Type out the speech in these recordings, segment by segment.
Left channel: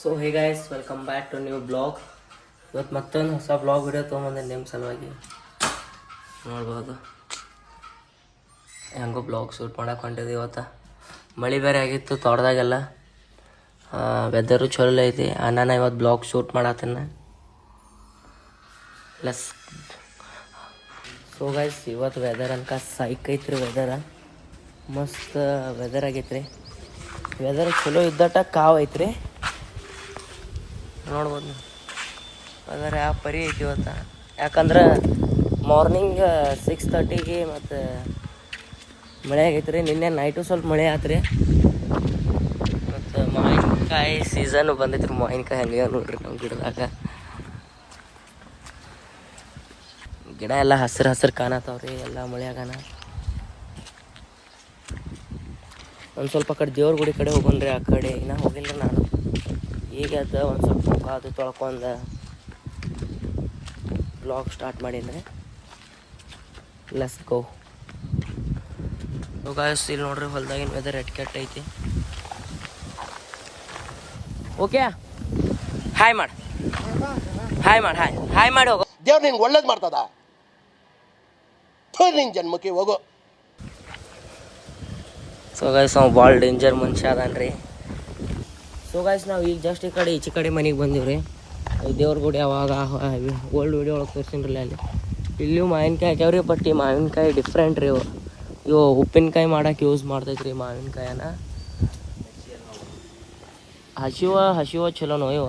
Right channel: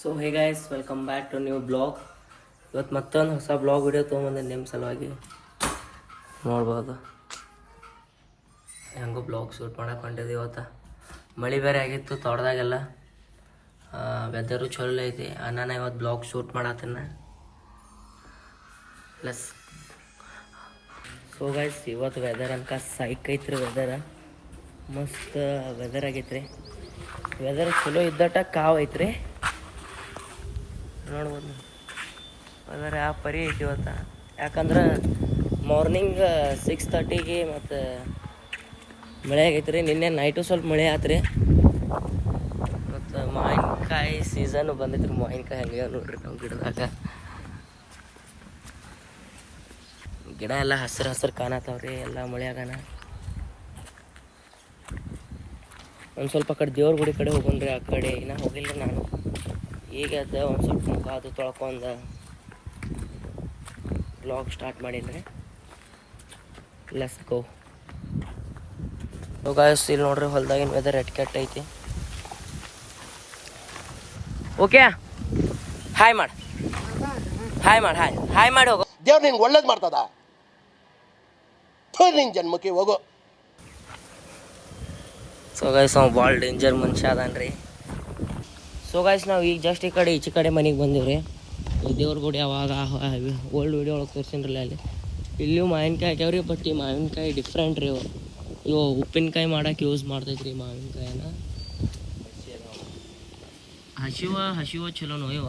So hey guys, welcome back to new blog. ಇವತ್ತು ಮತ್ತೊಂದು ಹೊಸ ಬ್ಲಾಗ್ ವಿಡಿಯೋ ತೊಗೊಂಬಂದೆ ನಿಮ್ಮ ಸಲುವಾಗಿ. ನೋಡ್ಬೋದು ಹೆಂಗೋ ಬ್ಲಾಗ್ ಶೂಟ್ ಮಾಡಕ್ಕೆ ಹೊಂಟಿದ್ವಿ. ಇವತ್ತು ಮಳೆ ಬೇರೆ ಆಗಿತ್ತು ತೋಟದಾಗೆಲ್ಲ. ವೆದರು ಚಲೋ ಐತಿ. ನಾನು ಇವತ್ತು ಬ್ಲಾಗ್ ಶೂಟ್ ಮಾಡತ್ತೇನೆ. ಪ್ಲಸ್ ಸೊ ಗೈಸ್, ಇವತ್ತು ವೆದರ್ ಅನ್ಕ ಸೈಕ್ ಐತ್ರಿ. ವೆದರ ಮಸ್ತ್ ವೆದರ್ ಆಗೈತ್ರಿ. ವೆದರ್ ಚಲೋ ಇದ್ದಟ ಕಾವು ಐತ್ರಿ. ನೋಡ್ಬೋದು ವೆದರ್ ಯಾವ ಪರಿ ಐತಿ ಇವತ್ತು. ಯಾಕಂದ್ರೆ ಮಾರ್ನಿಂಗ್ 6:30ಗೆ ಮತ್ತು ಮಳೆ ಆಗೈತೆ ರೀ. ನಿನ್ನೆ ನೈಟು ಸ್ವಲ್ಪ ಮಳೆ ಆತ್ರಿ. ಮತ್ತು ಮಾವಿನಕಾಯಿ ಸೀಸನ್ ಬಂದೈತ್ರಿ. ಮಾವಿನಕಾಯಿ ಹಂಗೆ ನೋಡ್ರಿ ನಮ್ಮ ಗಿಡದಾಗ. ಗಿಡ ಎಲ್ಲ ಹಸಿರು ಹಸಿರು ಕಾಣತ್ತಾವ್ರಿ ಎಲ್ಲ ಮಳೆಯಾಗನ. ಒಂದು ಸ್ವಲ್ಪ ಕಡೆ ದೇವ್ರ ಗುಡಿ ಕಡೆ ಹೋಗೋಣ್ರಿ. ಆ ಕಡೆ ಇನ್ನೂ ಹೋಗಿಲ್ಲ ರೀ ನಾನು. ಈಗ ಅದು ಒಂದು ಸ್ವಲ್ಪ ಮುಖ ಅದು ತೊಳ್ಕೊಂಡು ಬ್ಲಾಗ್ ಸ್ಟಾರ್ಟ್ ಮಾಡೀನಿ ರೀ. Let's go. ಗಾಯ್ಸ್, ಇಲ್ಲಿ ನೋಡ್ರಿ ಹೊಲ್ದಾಗಿನ ವೆದರ್ ಕೆಟ್ಟ ಐತಿ. ಓಕೆ, ಹಾಯ್ ಮಾಡಿ ಹಾಯ್ ಮಾಡಿ ಹಾಯ್ ಹಾಯ್ ಮಾಡಿ ಹೋಗೋ. ದೇವ್ರು ನಿನ್ಗೆ ಒಳ್ಳೇದು ಮಾಡ್ತದ. ನಿನ್ನ ಜನ್ಮಕ್ಕೆ ಹೋಗೋ. ಸೊ ಗೈಸ್, ನಾವು ಭಾಳ ಡೇಂಜರ್ ಮನುಷ್ಯ ಅದಾನ್ರಿ. ಸೊ ಗೈಸ್, ನಾವು ಈಗ ಜಸ್ಟ್ ಈ ಕಡೆ ಈಚೆ ಕಡೆ ಮನೆಗೆ ಬಂದೀವಿ ರೀ. ಇಲ್ಲಿ ದೇವ್ರ ಗುಡಿ ಅವಾಗ ಓಲ್ಡ್ ವಿಡಿಯೋ ಒಳಗೆ ತೋರಿಸಿನ್ರಲ್ಲ ಅಲ್ಲಿ. ಇಲ್ಲಿಯೂ ಮಾವಿನಕಾಯಿ ಹಾಕ್ಯಾವ್ರಿ. ಬಟ್ ಈ ಮಾವಿನಕಾಯಿ ಡಿಫ್ರೆಂಟ್ ರೀ. ಇವು ಉಪ್ಪಿನಕಾಯಿ ಮಾಡಕ್ಕೆ ಯೂಸ್ ಮಾಡ್ತೈತ್ರಿ ಮಾವಿನಕಾಯನ. ಹಸಿವ ಚಲೋನೋ ಇವ.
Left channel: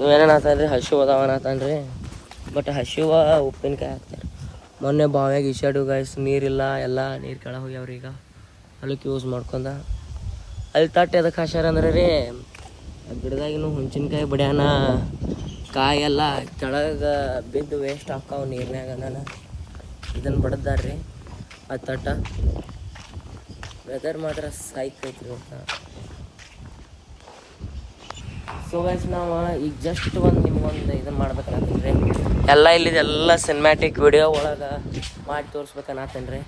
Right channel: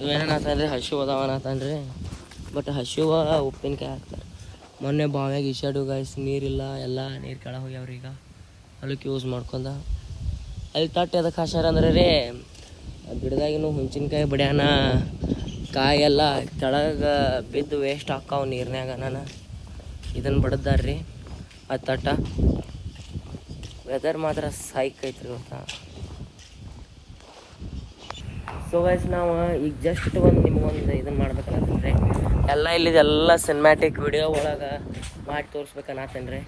ಇವೇನೇನಾತಾನ್ರಿ, ಹಸಿವು ಅದಾವನತಾನ್ರಿ. ಬಟ್ ಹಸಿವ ಉಪ್ಪಿನಕಾಯಿ ಹಾಕ್ತಾರೆ. ಮೊನ್ನೆ ಬಾವ್ಯಾಗ ಈಸಾಡು ಗೈಸ್, ನೀರಿಲ್ಲ, ಎಲ್ಲ ನೀರು ಕೆಳಗೆ ಹೋಗ್ಯಾವ್ರಿ. ಈಗ ಹೊಲಕ್ಕೆ ಯೂಸ್ ಮಾಡ್ಕೊಂಡ ಅಲ್ಲಿ ತಟ್ಟೆ ಅದಕ್ಕೆ ಹಾಸ್ಯಾರ ಅಂದ್ರೆ ರೀ, ಗಿಡದಾಗಿನೂ ಹುಂಚಿನಕಾಯಿ ಬಡ್ಯಾನ ಕಾಯೆಲ್ಲ ಕೆಳಗೆ ಬಿದ್ದು ವೇಸ್ಟ್ ಹಾಕಾವು ನೀರಿನಾಗ. ನಾನು ಇದನ್ನು ಬಡದ್ದಾರ್ರಿ ಆ ತಟ್ಟ. ವೆದರ್ ಮಾತ್ರ ಸೈಕ್ ಐತ್ರಿ ಇವತ್ತು. ಸೊ ಗೈಸ್, ನಾವು ಈಗ ಜಸ್ಟ್ ನಿಮ್ಗೊಂದು ಇದನ್ನು ಮಾಡ್ಬೇಕನ್ನತ್ತೇನೆ ರೀ. ಎಲ್ಲ ಇಲ್ಲಿದೆಲ್ಲ ಸಿನಿಮ್ಯಾಟಿಕ್ ವಿಡಿಯೋ ಒಳಗೆ ಮಾಡಿ ತೋರಿಸ್ಬೇಕನ್ನತ್ತೇನೆ ರೀ.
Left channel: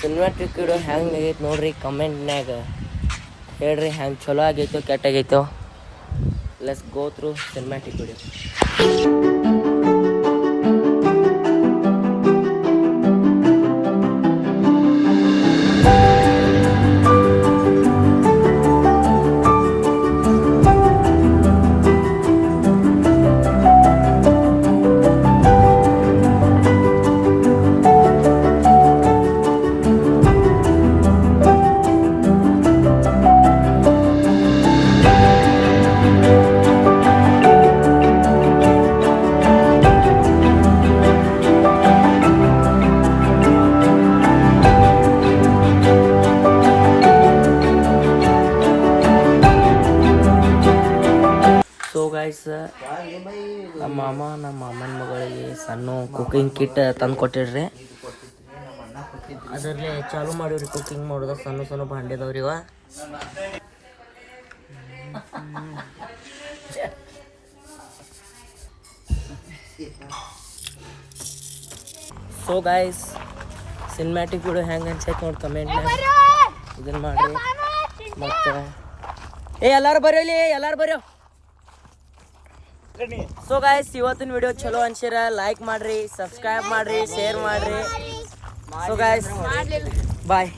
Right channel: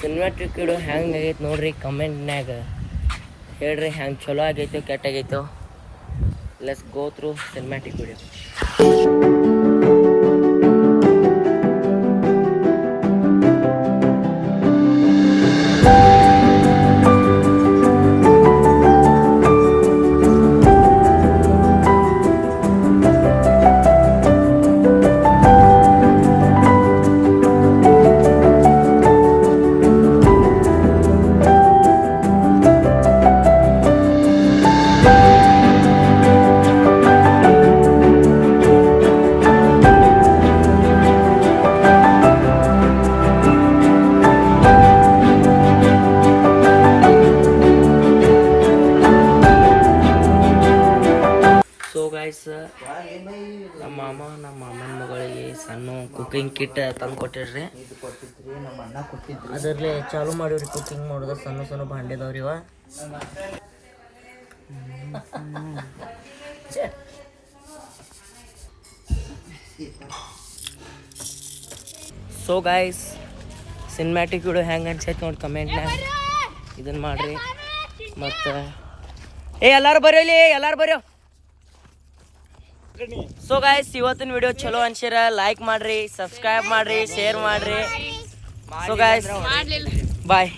ಸಿನಿಮ್ಯಾಟಿಕ್ ವಿಡಿಯೋ ಹೆಂಗೆ ಆಗೈತೆ ನೋಡ್ರಿ, ಕಮೆಂಟ್ನ್ಯಾಗ ಹೇಳ್ರಿ. ಹೆಂಗೆ ಚಲೋ ಆಗೈತೋ ಕೆಟ್ಟಾಗೈತೋ. Let's go through cinematic video. Guys, ನಮ್ಮ ಮಾಮನ ಮಗಳಿಗೆ ಸಣ್ಣ ಕುಕಿಂಗ್ ಕಿಟ್ ತಂದು ಕೊಟ್ಟಿರ್ರಿ. ಅದರಲ್ಲೇ ಚಾಲು ಮಾಡಿವ್ರಿ ಕುಕಿಂಗ್ ಮಾಡೋದು. ಸಣ್ಣ ಭಾಂಡೆದವ್ರಿ ಇವ. ಸೊ ಗೈಸ್, ಸಿನಿಮ್ಯಾಟಿಕ್ ವಿಡಿಯೋ ಹೆಂಗೆ ಅನ್ಸೈತೆ ನೋಡಿ ಕಮೆಂಟ್ನಾಗ ಇದನ್ನು ಮಾಡಿರಿ. ಮತ್ತು ಎಲ್ಲರೂ ಬರೋಲಿ, ಎಲ್ಲರೂ ಬರೋ. ಸೊ ಗೈಸ್, ಇವತ್ತಿನ ವಿಡಿಯೋ ಚಲೋ ಅನ್ಸಿರ ಲೈಕ್ ಮಾಡ್ರಿ, ಸಬ್ಸ್ಕ್ರೈಬ್ ಮಾಡ್ರಿ, ಶೇರ್ ಮಾಡ್ರಿ. ಸೊ ಗೈಸ್, ಬಾಯ್.